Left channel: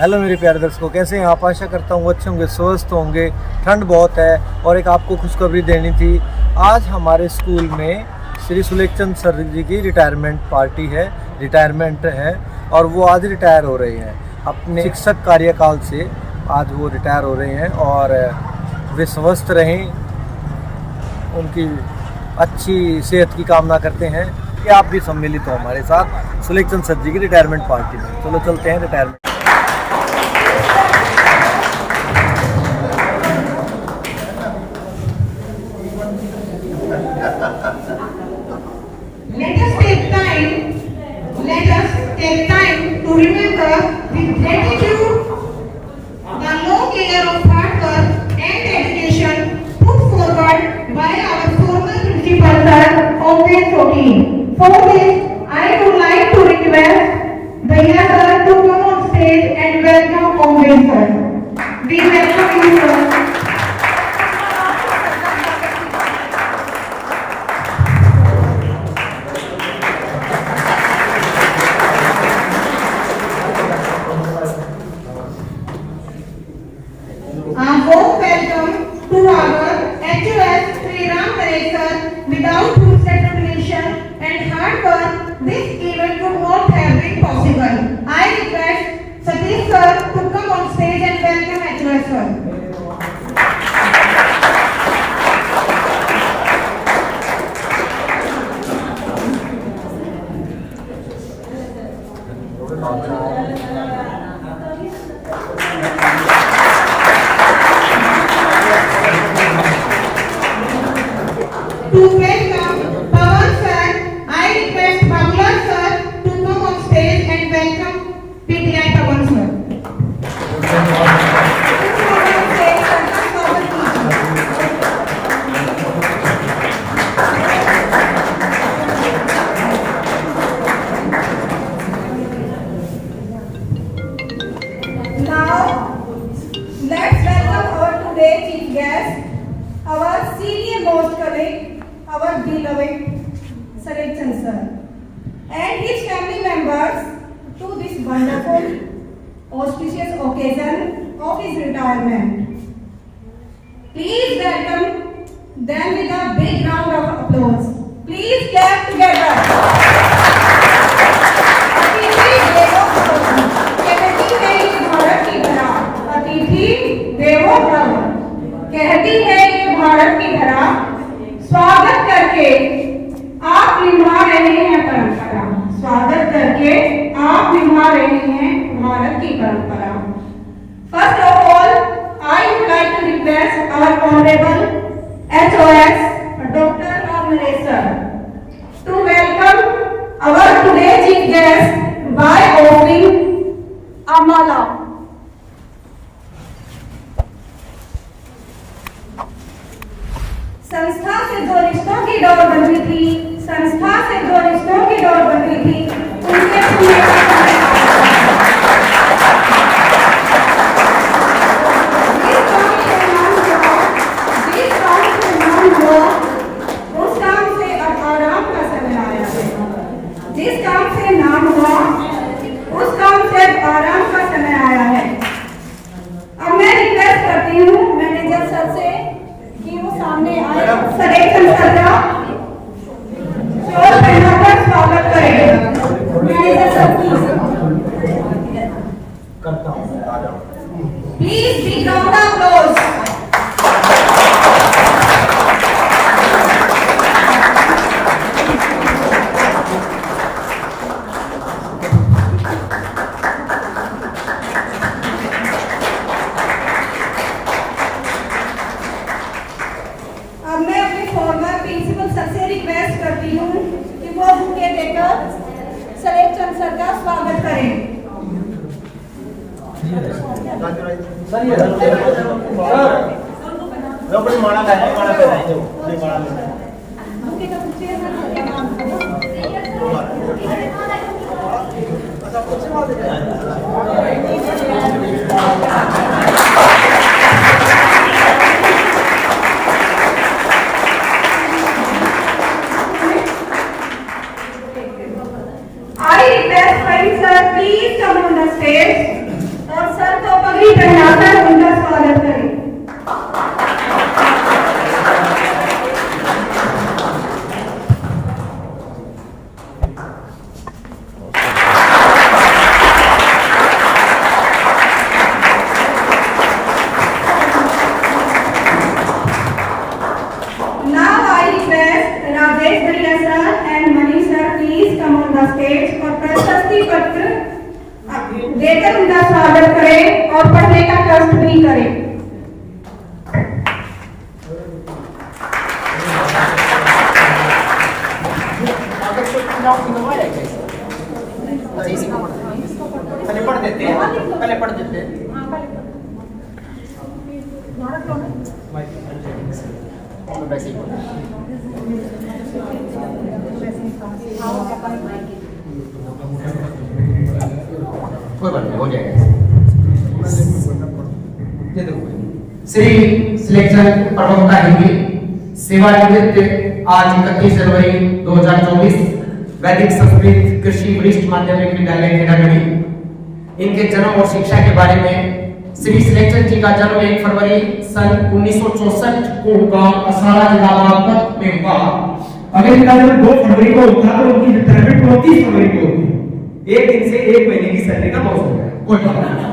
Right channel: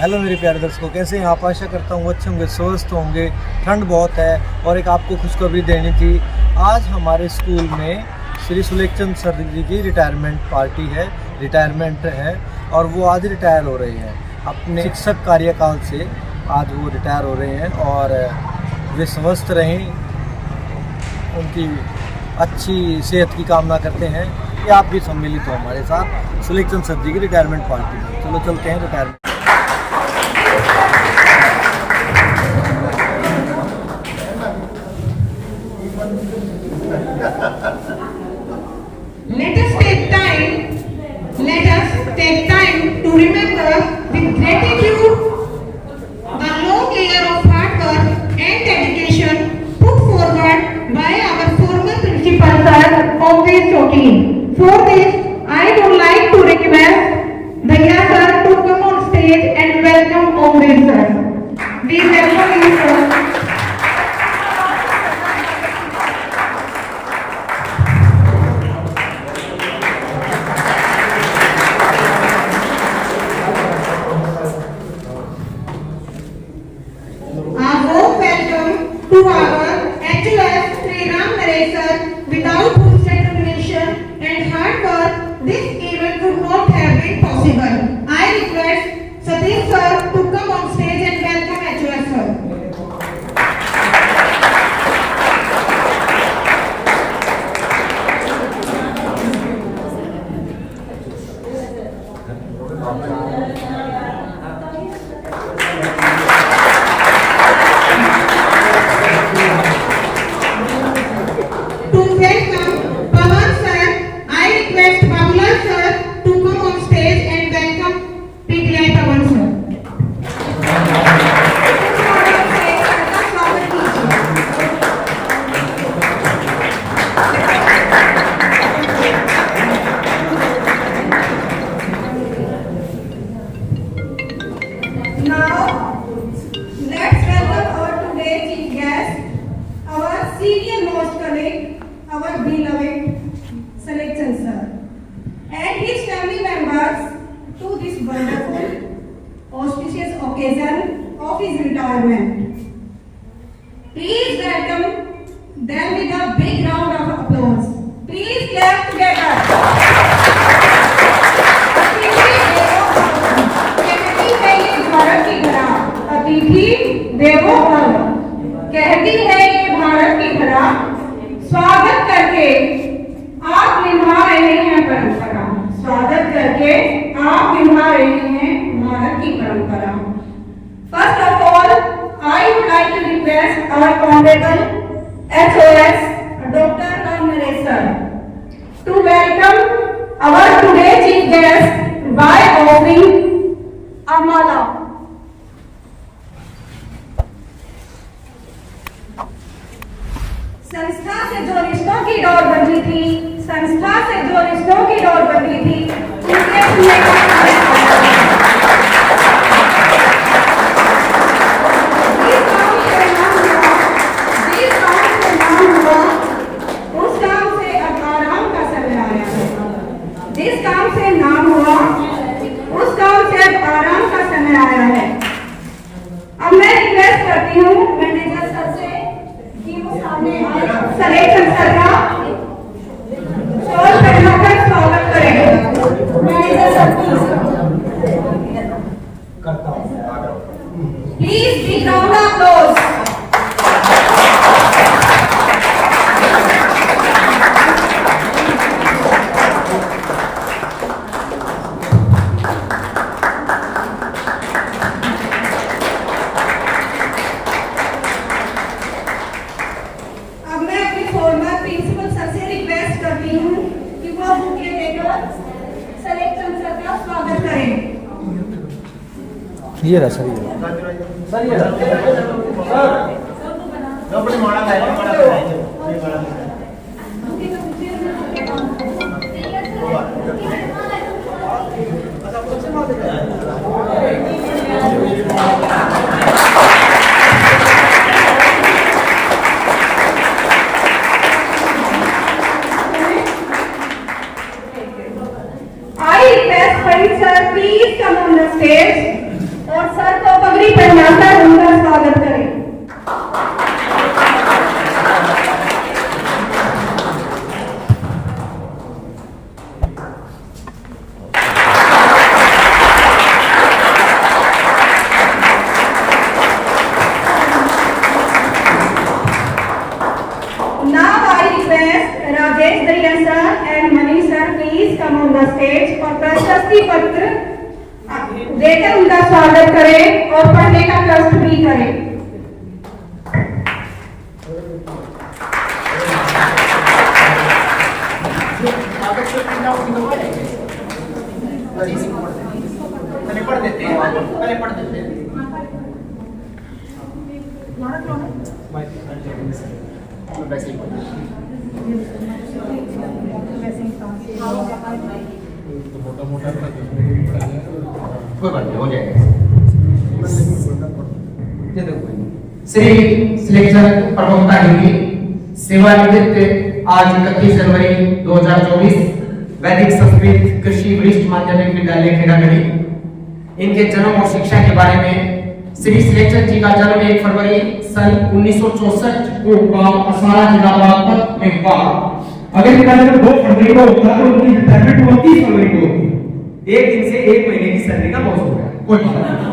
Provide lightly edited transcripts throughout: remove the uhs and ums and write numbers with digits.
हेलो मेरे प्यारे दर्शकों, कैसे हैं आप? आशा करता हूँ अच्छे होंगे, स्वस्थ होंगे। ठंड बहुत है और एक आपको खुशखबरी देनी थी। आज हमारे स्कूल में श्री सुलेखचंद सर जी की रिटायरमेंट पार्टी है, रिटायरमेंट है और वो आज रिटायर हो रहे हैं अपने शिक्षक कार्यकाल से। आज वो रिटायर हो रहे हैं और वे स्वस्थ रहें, उनकी अच्छी सेहत की कामना करते हैं कि आप भी सम्मिलित हो हमारे साथ सुलेखचंद सर जी की रिटायरमेंट पार्टी में। चलो चलते हैं retirement. Let us take time to remember with gratitude the long year of hard work and dedication put forward by our former principal sir, Omvir Choti. For this, I would like to request Bhaiya sir to come on stage and welcome Omvir sir. We welcome you sir. To our HOS Sri Ram Naresh sir, without whose determination and hard work, this event would not have been possible. I request Satish sir to come on stage and welcome HOS sir. Our beloved Sulekhchand sir and his family members to this wonderful auspicious occasion of his retirement. Please welcome them with a big round of applause. Please clap together. कहती है ये भारत की धरा, स्वागत करके आप निभा रहे हैं परंपरा। स्वागत करके आप निभा रहे हैं भारत की परंपरा। First of all, I would like to request our honourable HOS Dr. Ram Naresh sir to welcome our today chief guest by offering a mala. संस्था से जो रिश्तों की डोर बंधी थी, संस्था से जो रिश्तों की डोर बंधी थी, उसके जिस काम से नाम हुआ उस काम से अब आराम का समय आया है। अब मैं रिक्वेस्ट करती हूँ मैनेजर सर से कि वो सामने आए, सुलेखचंद सर का शोर बढ़ाकर स्वागत करें। Manager sir please big round of applause. ये रहा सर, ये अपनी माड़ा I request Sir, please come on the stage और देकर उनका स्वागत करें और पढ़ने का कष्ट भी करें। पहले पढ़ देते कोई बात नहीं, हो जाएगा। श्री सिलेक्शन प्रवक्ता हिंदी सेवानिवृत्त आज 31 जनवरी 2024 वैदिक संस्कृत कृषि वरिष्ठ माध्यमिक विद्यालय खेड़ागढ़ी। इनके जन्म और शिक्षा के बारे में श्री सिलेक्शन जी का जन्म 1 फरवरी सन 1964 को गांव असारा जिला बागपत में हुआ। अगर इनका जन्म 2 फरवरी को होता तो उनकी रिटायरमेंट 29 फरवरी को होती। एक दिन से 1 महीने की सैलरी का मौसम है, कोई बात नहीं।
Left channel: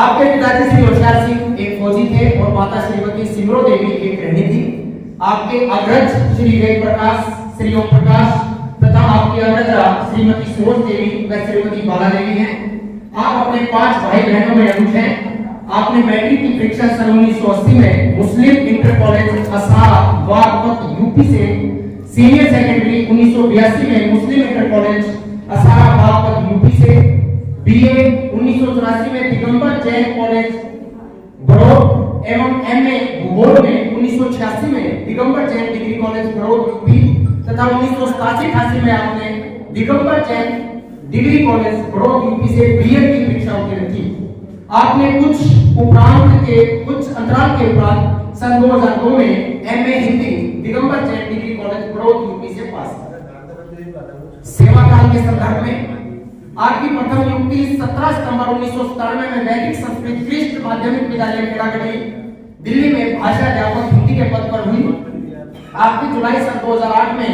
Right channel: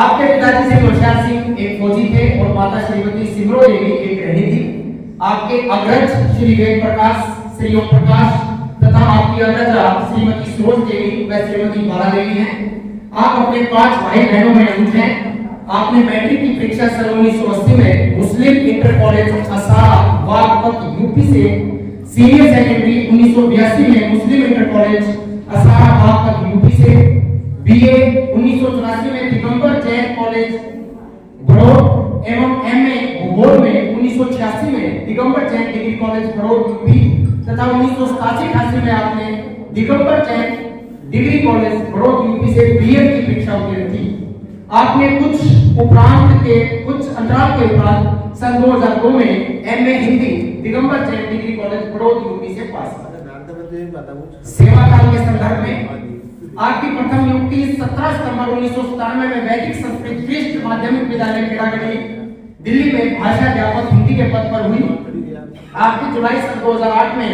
आपके पिताजी श्री होशियार सिंह एक फौजी थे और माता श्रीमती सिमरो देवी एक गृहिणी थी। आपके अग्रज श्री वेद प्रकाश, श्री ओम प्रकाश तथा आपकी अग्रजा श्रीमती सुरोज देवी व श्रीमती बाला देवी हैं। आप अपने 5 भाई बहनों में अगुट हैं। आपने मैट्रिक की परीक्षा सन 1980 में मुस्लिम इंटर कॉलेज असारा बागपत यूपी से, सीनियर सेकेंडरी 1982 में मुस्लिम इंटर कॉलेज असारा बागपत यूपी से, बीए 1984 में दिगंबर जैन कॉलेज बड़ौद एवं एमए भूगोल में 1986 में Digambar Jain degree college Baraut UP तथा 1987-88 में आपने Digambar Jain degree college Baraut UP से बीएड की परीक्षा उत्तीर्ण की। आपने कुछ अंतराल के उपरांत सन 2002 में MA Hindi Digambar Jain degree college Baraut UP से पास किया। सेवा काल के संदर्भ में आपकी प्रथम नियुक्ति 17 सितंबर 1997 में वैदिक संस्कृत वरिष्ठ माध्यमिक विद्यालय खेड़ागढ़ी दिल्ली में भाषा अध्यापक हिंदी के पद पर हुई। आपकी जुलाई सन 2008 में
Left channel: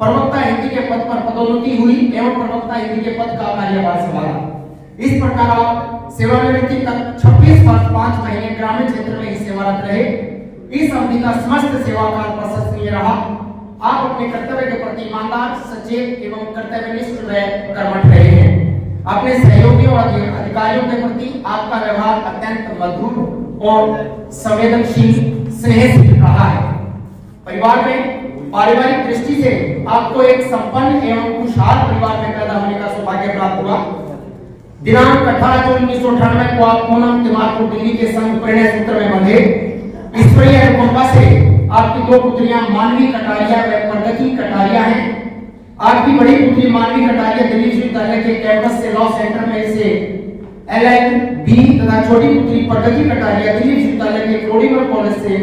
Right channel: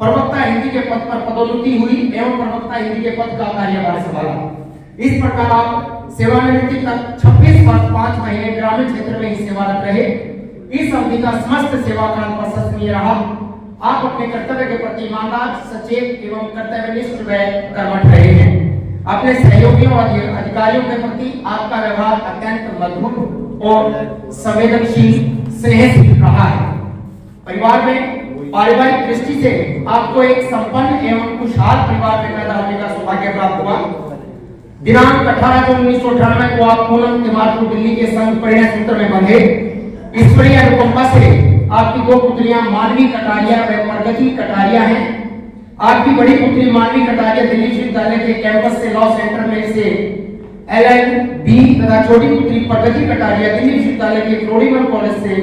प्रवक्ता हिंदी के पद पर पदोन्नति हुई एवं प्रवक्ता हिंदी के पद का कार्यभार संभाला। इस प्रकार आप सेवानिवृत्ति तक 26 वर्ष 5 महीने ग्रामीण क्षेत्र में ही सेवारत रहे। इस अवधि का समस्त सेवा काल प्रशंसनीय रहा। आप अपने कर्तव्य के प्रति ईमानदार, सचेत एवं कर्तव्यनिष्ठ व कर्मठ रहे हैं। अपने सहयोगियों और अधिकारियों के प्रति आपका व्यवहार अत्यंत मधुर और संवेदनशील स्नेहशील रहा है। परिवार में पारिवारिक दृष्टि से आपको एक संपन्न एवं खुशहाल परिवार में पैदा होने का सौभाग्य प्राप्त हुआ। दिनांक 18 जून 1998 को आप पूनम तिवारी दिल्ली के संग परिणय सूत्र में बंधे। ईश्वरीय अनुकंपा से आपकी 2 पुत्रियां मानवी कटारिया व प्रगति कटारिया हैं। आपकी बड़ी पुत्री मानवी कटारिया दिल्ली विश्वविद्यालय के कैंपस से लॉ सेंटर में से LLB तथा छोटी पुत्री प्रगति कटारिया दिल्ली विश्वविद्यालय के फ्लोरीमल कॉलेज से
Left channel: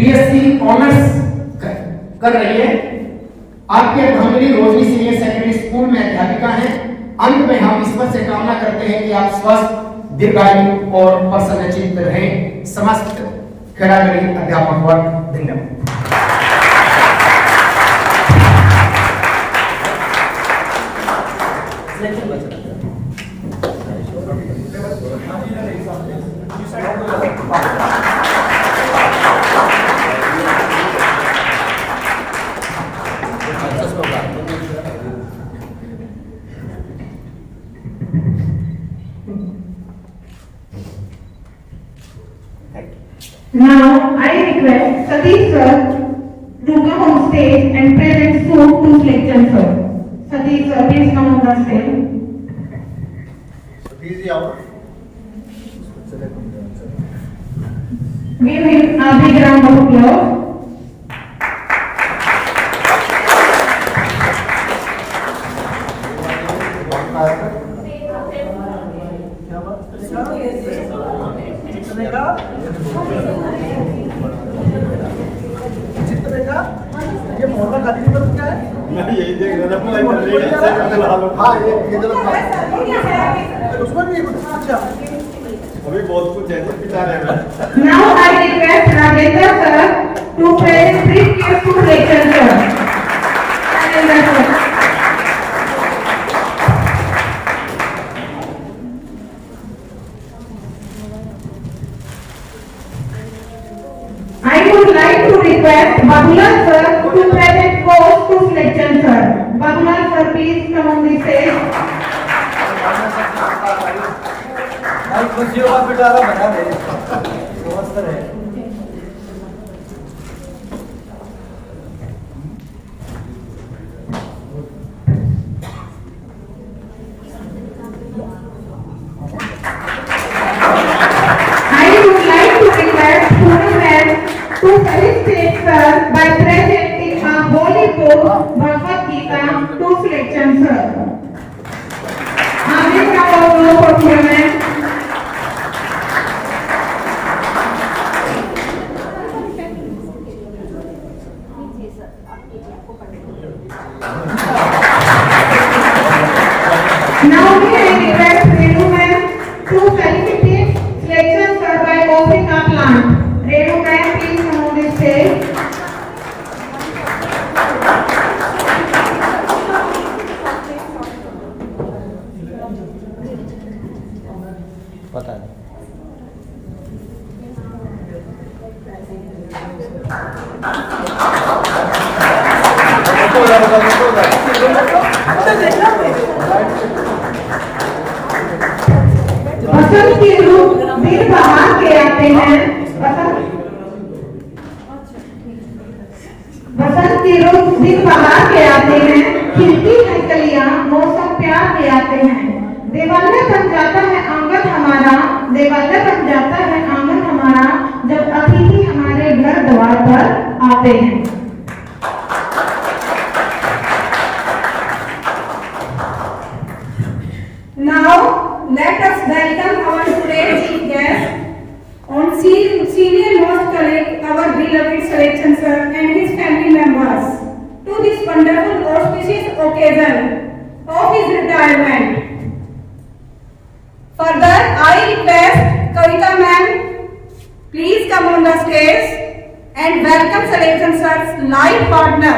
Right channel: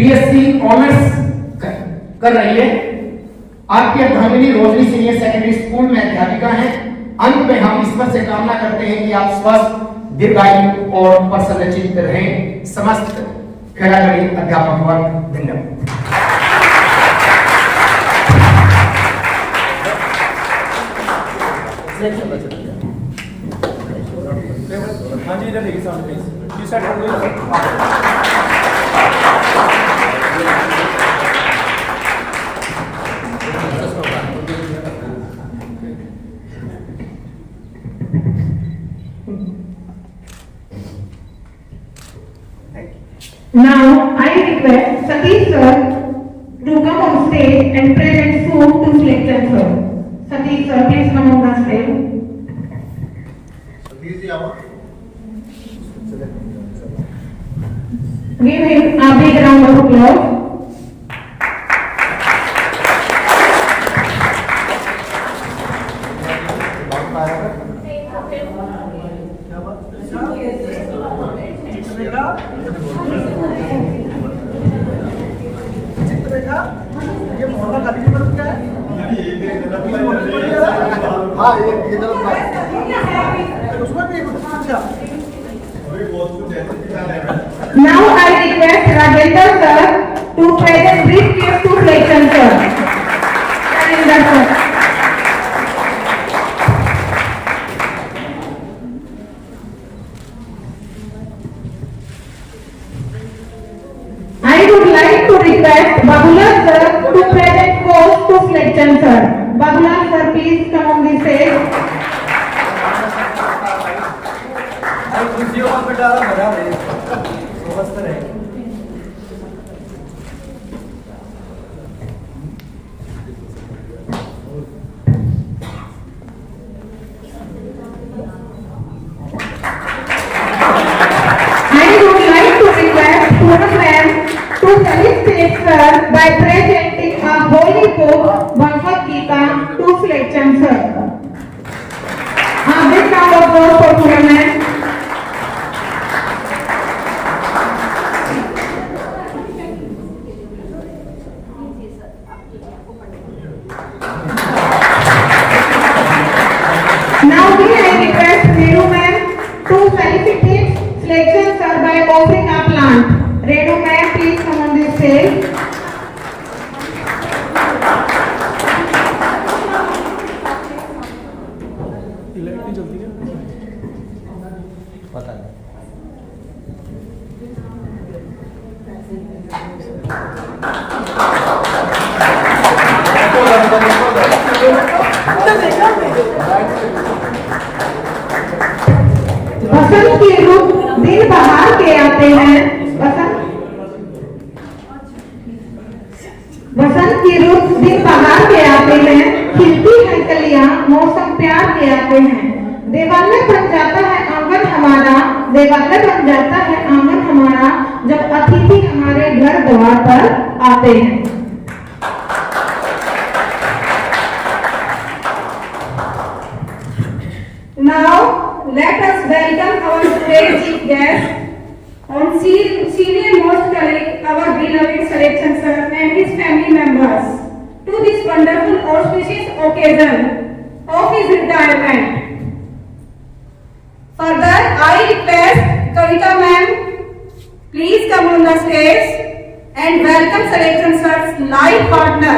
BSc ऑनर्स कर रही है। आपकी अर्धांगिनी रोजरी सीनियर सेकेंडरी स्कूल में अध्यापिका हैं। अंत में हम ईश्वर से कामना करते हैं कि आप स्वस्थ, दीर्घायु और प्रसन्नचित्त रहें। समस्त खेड़ागढ़ी अध्यापक वर्ग धन्यवाद। Now I request Satish sir to come on stage and present food to Selection sir. Satish sir, please come on the stage. Give him a big round of applause. ये मोहल्ला खाली की तरफ क्या है? यही देख रहा। हाँ, ये गलत बात है। उसमें भी कुछ अच्छा अभी बहुत कुछ ऐसे पिटा रहे हैं। Now I request Rajendra sir to present brief gift to Selection sir. Rajendra sir. I would like to request Bagulal sir to present course to Selection sir. Bagulal sir, please come on the stage. भाई खुशियों का पिटारा भरा दे समझते रहे। I would like to request Poonam ma'am to felicitate sir by presenting a holy book Bhagavad Gita to Fletcher sir. This now also for Poonam ma'am. Now we request Renu ma'am to felicitate Fletcher sir by offering a plant. Renu ma'am, please come on this stage. पता नहीं बसंत के रूप दिन बाहर के आते हैं। बसंत के रूप दिन बाहर के आते हैं, खिलती है कलियां, मौसम प्यार के आते हैं। देवालय बन जाता है आंगन हमारा, देवालय बन जाता है आंगन हमारा, जब अतिथि हमारे घर द्वार पर आते हैं। Now let us welcome our great chief guest on senior most colleague, our beloved selection sir and his family members to this wonderful auspicious occasion of his retirement. Further, I request Kavita ma'am, please come on the stage and welcome selection sir's life partner,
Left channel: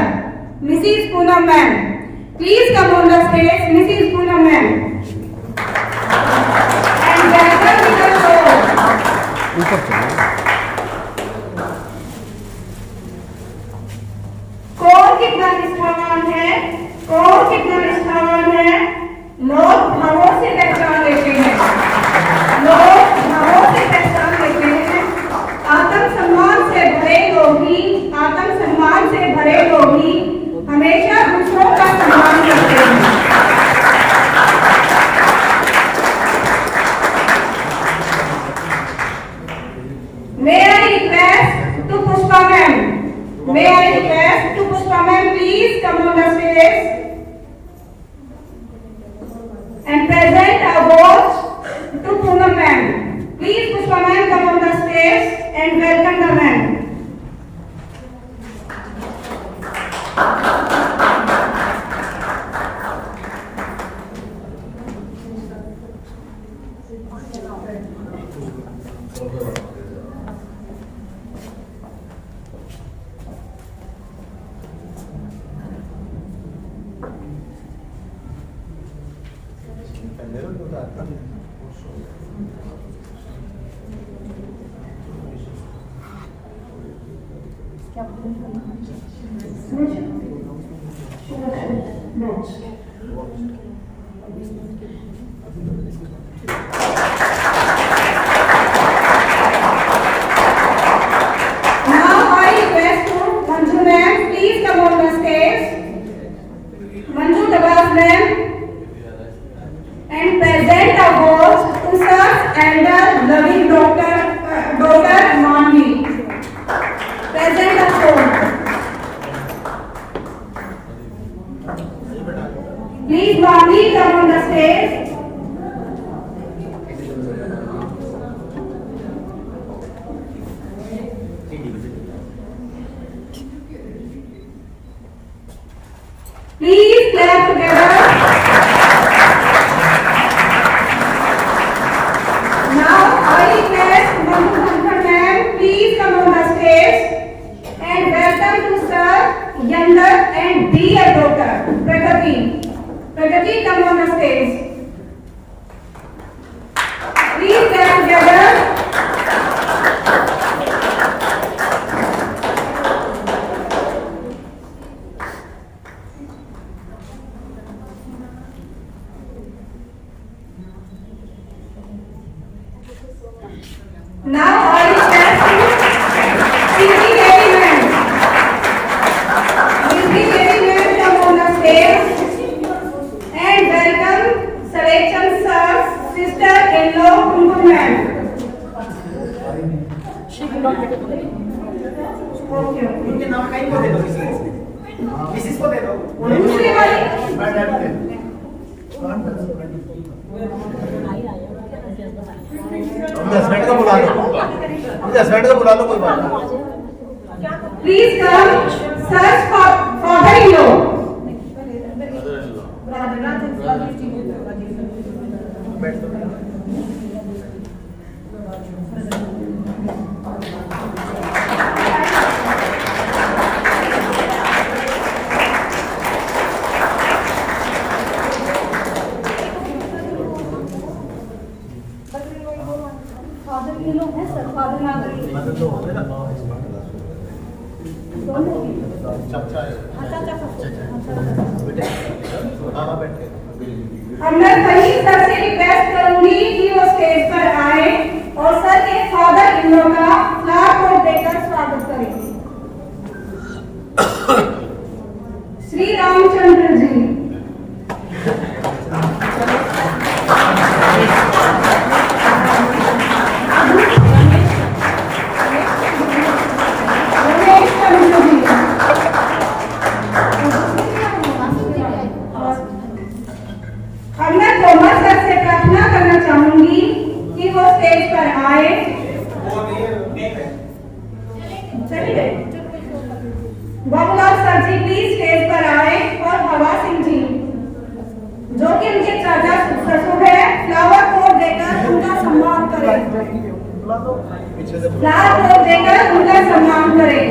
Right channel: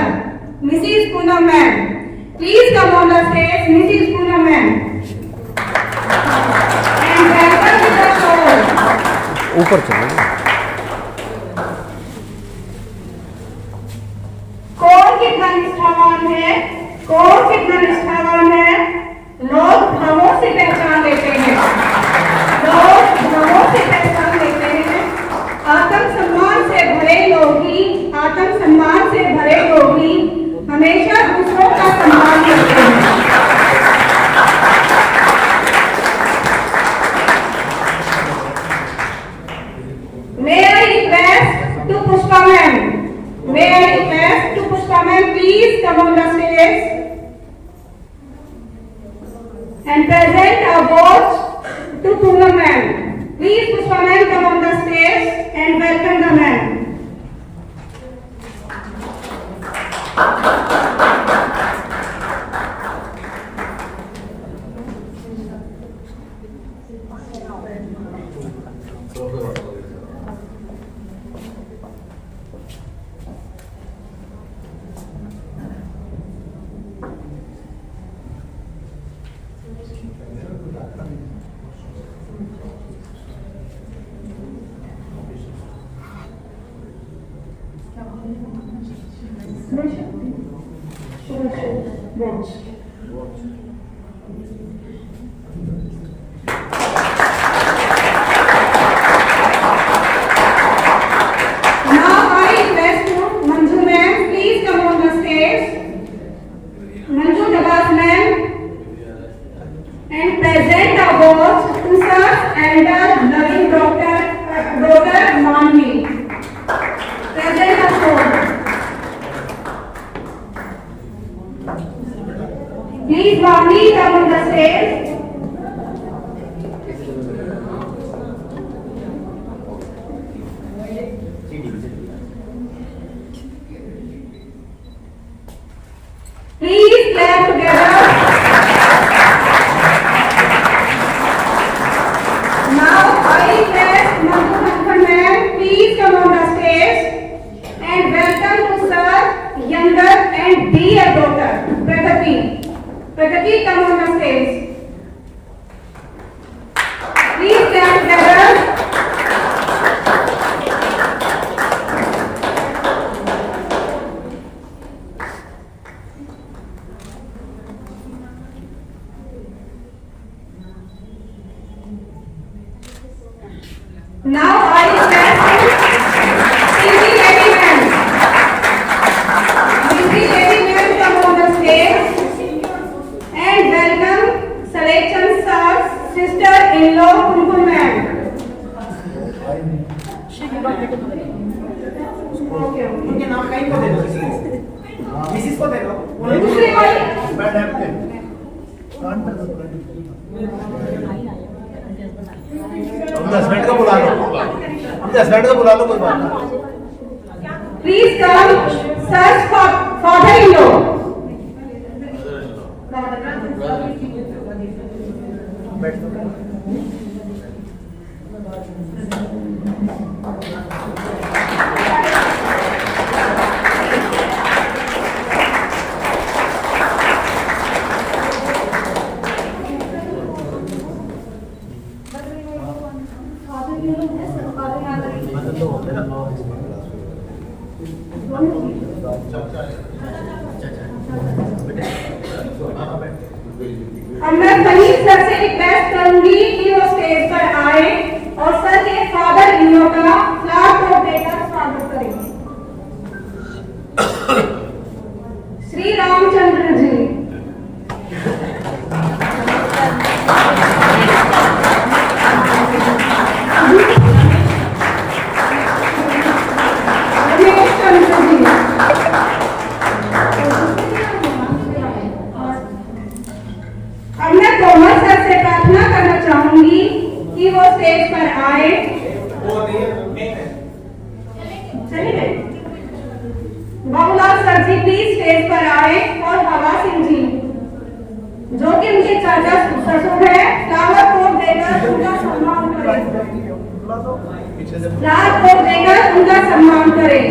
Mrs. Poonam ma'am. Please come on the stage, Mrs. Poonam ma'am. And welcome to the show. ऊपर चलो कौन कितना निष्ठावान है, कौन कितना निष्ठावान है, लोग भावों से पहचान लेते हैं, लोग भावों से पहचान लेते हैं। आत्मसम्मान से भरे लोग ही, आत्मसम्मान से भरे लोग ही हमेशा दूसरों का सम्मान करते हैं। May I request to Pushpa ma'am? May I request to Pushpa ma'am, please come on the stage and present a watch to Poonam ma'am. Please Pushpa ma'am, come on the stage and welcome the ma'am. Please, Manvi, come on the stage. Please clap together. Now I request Manju Thakkar ma'am, please come on the stage and welcome to sir, younger and dear daughter, Pragati. Pragati, come on the stage. Please clap together. Now I request Sri Lady Ma'am. Sri Lady Ma'am come on the stage and welcome Selection Sir's sister-in-law Kumkum Ma'am. Okay. उनके नाम कहीं को दे दो, मिसिस को दे दो। दूसरी वाली अपने हस्बैंड को बुला लो, अपने हस्बैंड को बुला लो, कोई बात नहीं। Please come, Sir's father-in-law. अब मैं सही सर से रिक्वेस्ट करूंगी कि वो स्टेज पर आए और सर के फादर इन लोग का फ्लैग को देकर स्वागत करें। श्री रामचंद्र जी। गणेश चंद्र जी। अब मैं तोमर सर से प्रार्थना करना चाहूंगी कि वो स्टेज पर आए। चलिए Babulal sir ji please stage पर आए और हवा सिंह जी जो कि उनके चाचा ससुर है फ्लावर पोट देकर उनका सम्मान करें। फ्लावर पोट देकर उनका सम्मान करें।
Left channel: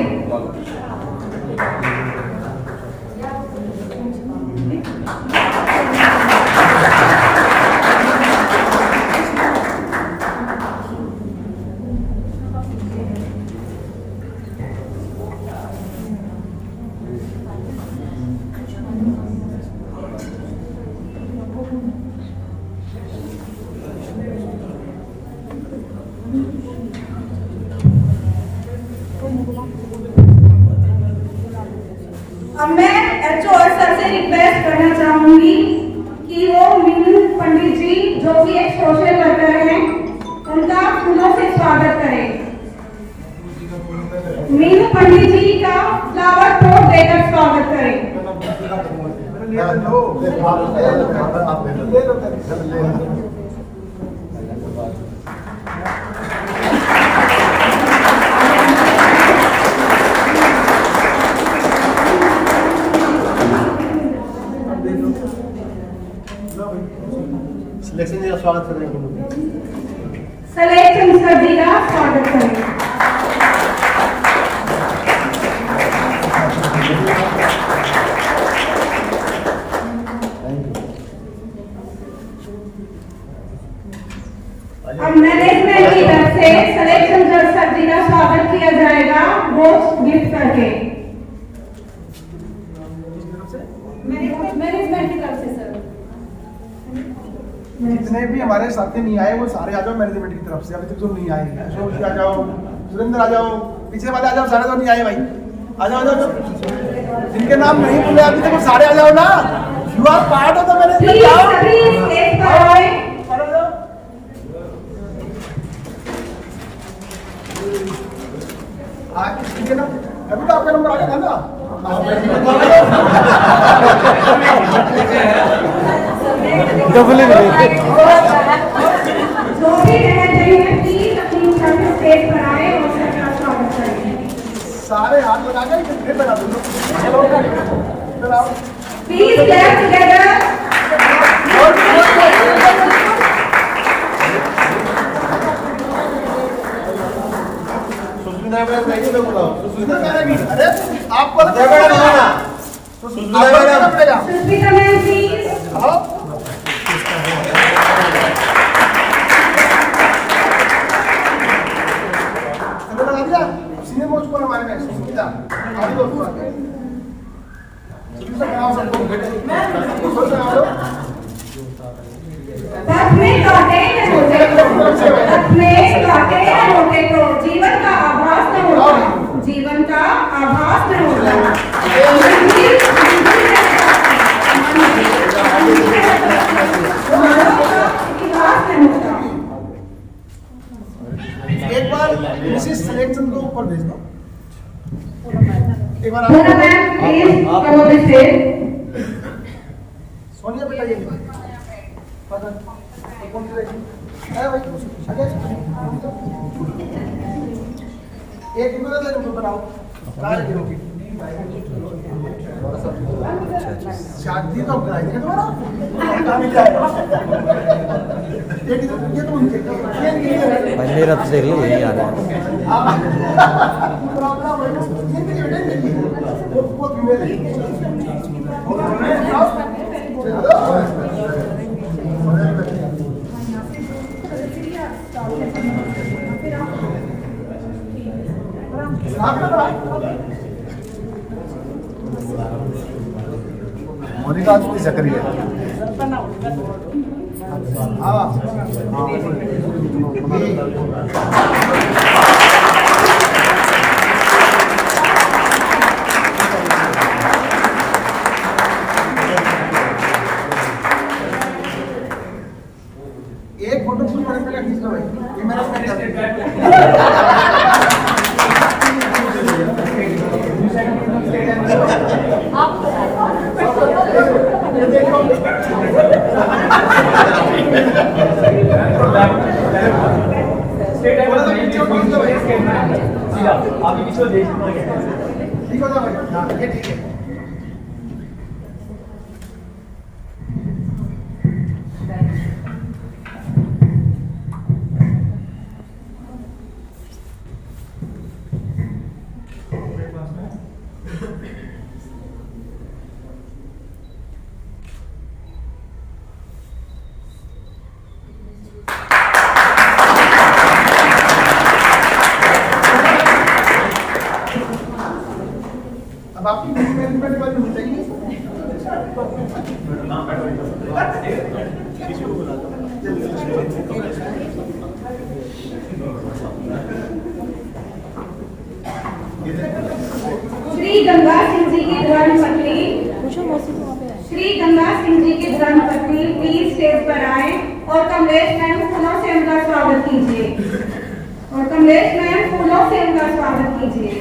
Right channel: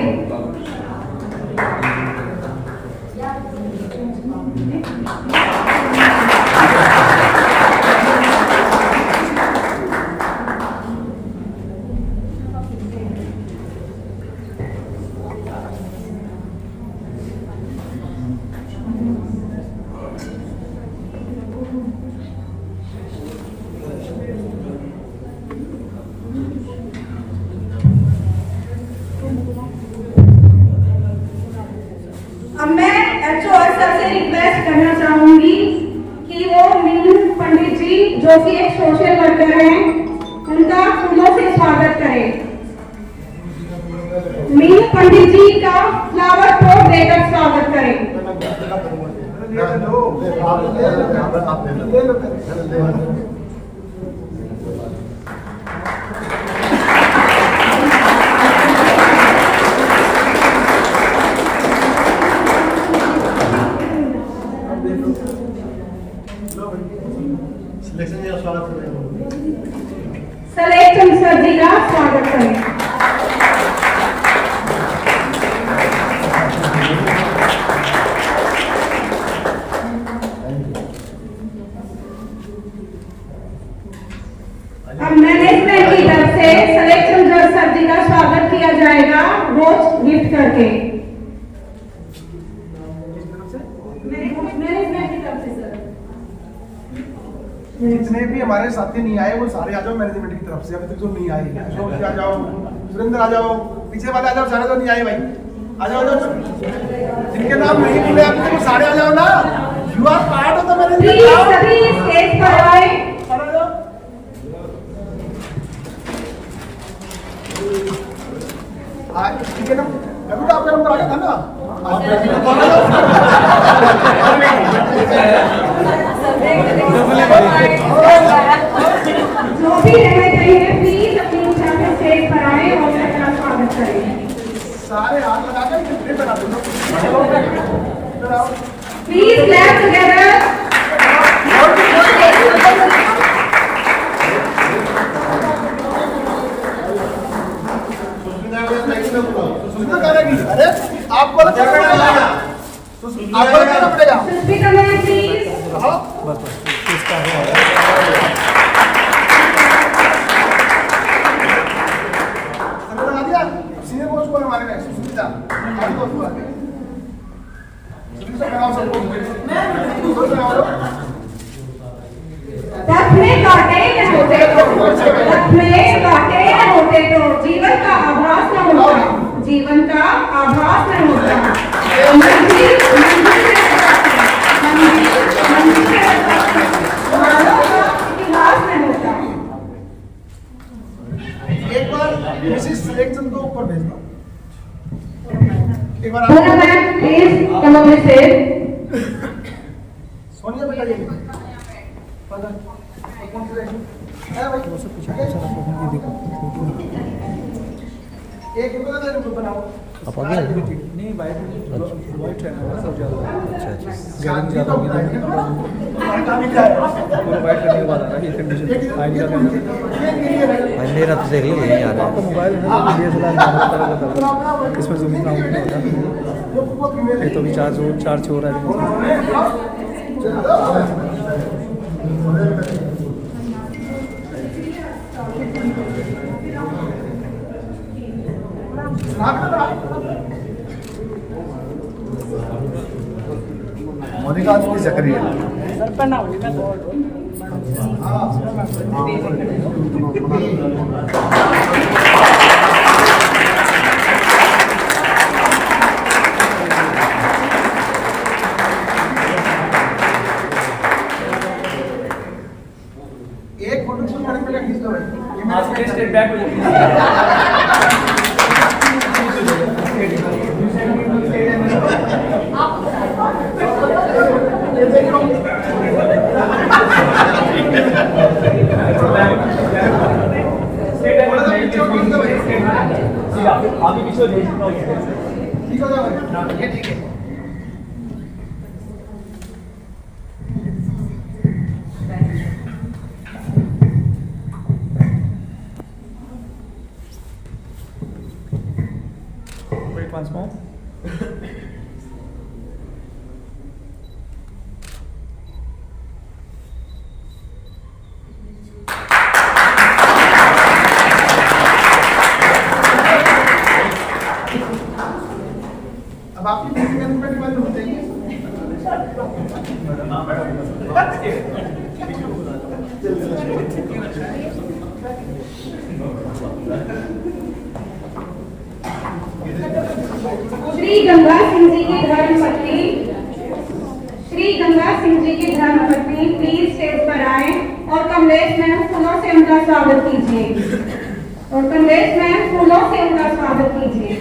अब मैं एचओ सर से रिक्वेस्ट करना चाहूंगी कि वो मीनू पंडित जी जो कि एक सोशल वर्कर हैं उनका फूलों से स्वागत करें। मीनू पंडित जी का फ्लावर पोट देकर स्वागत करें। सिलेक्शन जी का स्वागत कर रहे हैं। सलेक्शन सर जी का स्वागत करें। अब मैनेजमेंट की तरफ से सलेक्शन सर जी का स्वागत किया जाएगा वो गिफ्ट करके। मैनेजमेंट की तरफ से सर जितने भी हमारे साथी नहीं आए वो सारे आ जाओ मैनेजमेंट की तरफ से। अभी तक जो नहीं आए अशोक आ जाओ, सुरेंद्र आ जाओ, पीछे वाले आ जाओ, सारे तो नहीं आए भाई। आ जाओ आ जाओ, जिनके नाम नहीं बोले अभी तक वो सारे आ जाओ ना। You are part of the management. सभी स्टेज पर आए। ठीक है ना, अभी तो आपका नंबर आ गया था ना। जो भी रह गए हैं प्लीज अपनी स्टेज पर आए और सबका स्वागत करें। सारे हाथ बना के फिर बना दो। Please clap together. अरे आपको अलग करना पड़ेगा। Sushmita ma'am please. Senior most पर हमारे नेक्स्ट सुविधा आगे दोस्त को आगे सुविधा बनाओ सबको मैं बनाओ लो हाथ में काटे हैं हाथ में मिसेस सिलेक्शन को ऊपर भेज दो एक बार Puna ma'am, please come up the stage. Sonia बेटा ये फादर कौन सी रहेगी है भाई एक इधर ले लो बनाओ नहीं भाई अच्छा अच्छा गांधी तो बनाएंगे तो भाई मेरा तो देख लो यही आ रहा है तो चार्ज हो रहा मोनिका आज की जकरी है एक फोटो शूट करने के लिए खींच लो ये मेरा स्टेप बैक ठीक हो जाएगा ये ठीक है अब आपकी मैनेजमेंट बंद हो जाएगी श्री गंगा सिंह जी की धर्मपत्नी श्री गंगा सिंह जी की धर्मपत्नी प्लीज स्टेज पर आए और कमलेश मैम फूलों से उनका स्वागत कीजिए और कमलेश मैम फूलों से उनका स्वागत कीजिए।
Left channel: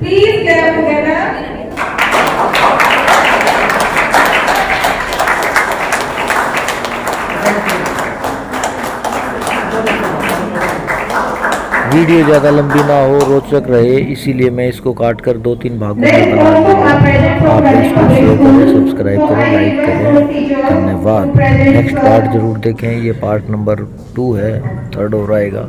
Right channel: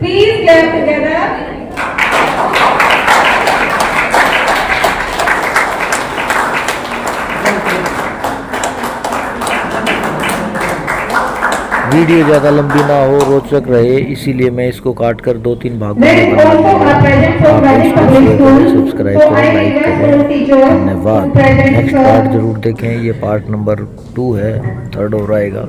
Please clap together. वीडियो ज़्यादा लंबी ना हो, रोचक रहे, इसीलिए मैं इसको काट कर 2-3 भागों में बना दूंगा। आप इसको शेयर करें, सब्सक्राइब करें, लाइक करें। धन्यवाद। नेक्स्ट पार्ट ज़रूर देखें, ये पार्ट नंबर 2 है, 3rd और आएगा।